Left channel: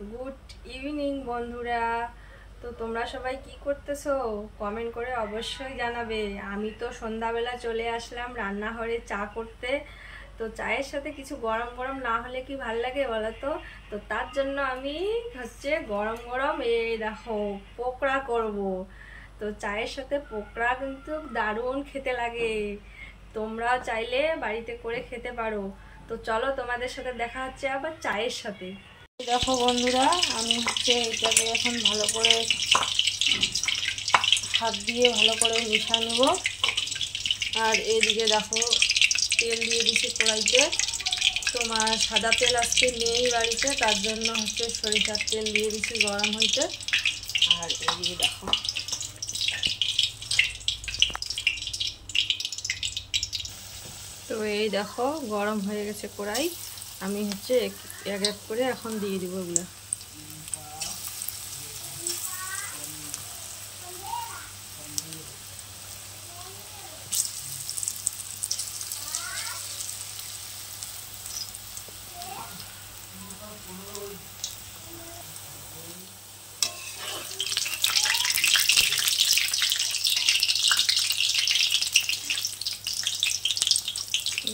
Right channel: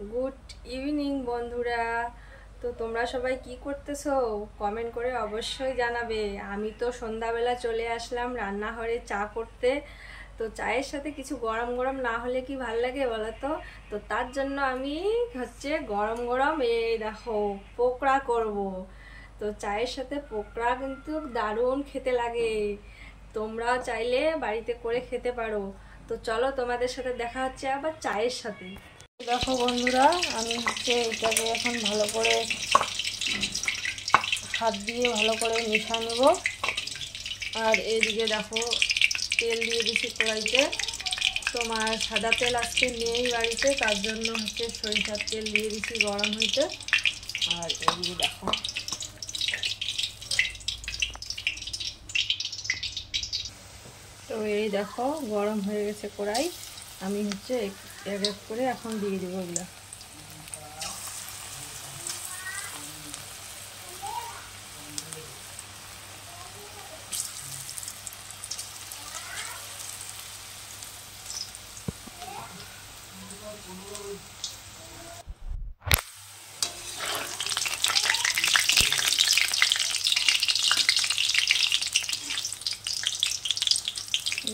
Good evening বন্ধুরা। তো তোমরা সবাই কি করতেছো কমেন্ট করে অবশ্যই জানাবে। আমি তো সন্ধ্যাবেলা চলে আসলাম রান্নাঘরে চা করতে। তো চায়ের সাথে কিছু গরম গরম না হলে কি ভাল লাগে বলো তো। তো তার জন্য আমি গরম গরম এই দেখো পকোড়া করব। তো চায়ের সাথে পকোড়া কিন্তু দারুণ খেতে লাগে। তোমরাও চাইলে বাড়িতে করে খেতে পারো। তো চলো তোমাদের সাথে দেখা হচ্ছে আবার চায়ের সাথে। দেখো বন্ধুরা, আমি এটাকে এখন ভালো করে হাত দিয়ে ভালো করে মিশিয়ে নেব। আর এইদিকে দেখো তেল দিয়ে দিচ্ছি কড়াইতে। তোমার সাদা তেল আজকে নেই বাড়িতে, তার জন্য সরিষার তেল দিয়ে দিচ্ছি গরম হইতে। আর এইদিকে দেখো তো এই দেখো গরম হয়ে গেছে কড়াই। আমি এক এক করে এখন দিয়ে দেবো এগুলো।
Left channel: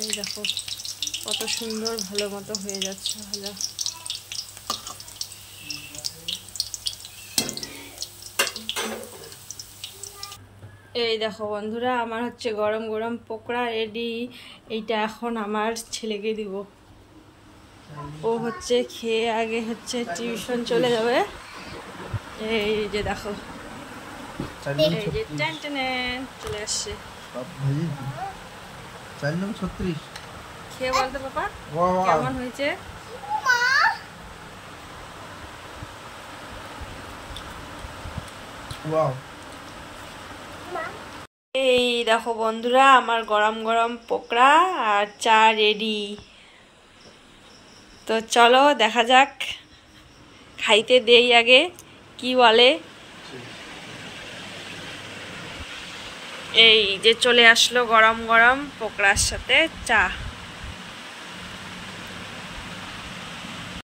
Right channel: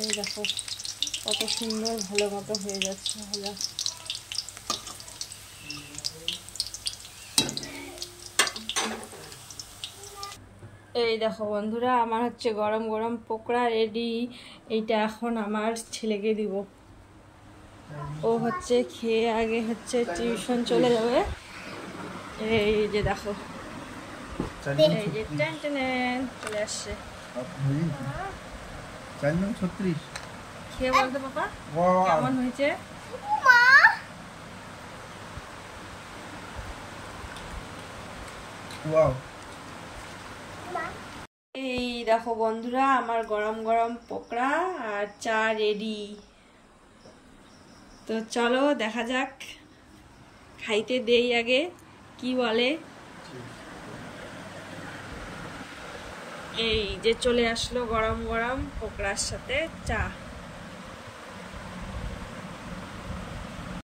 এই দেখো কত সুন্দর ভালো মতো হয়ে যাচ্ছে ভাজা। এই দেখো বন্ধুরা, আমার গরম গরম পকোড়া রেডি। এইটা এখন আমার ছেলেকে দিব। ও খেয়ে আগে টিউশন চলে যাবে। এই যে দেখো, এই যে টেন টেন চলে আসছে। খেয়ে বলতো পাপা কেমন হয়েছে। এই দেখো বন্ধুরা, আমার গরম গরম পকোড়া আর চা রেডি। তো চলো দেখা যাক, খাইতে দেই আগে কি বলে। এই যে চলে আসলো গরম গরম পকোড়ার সাথে চা।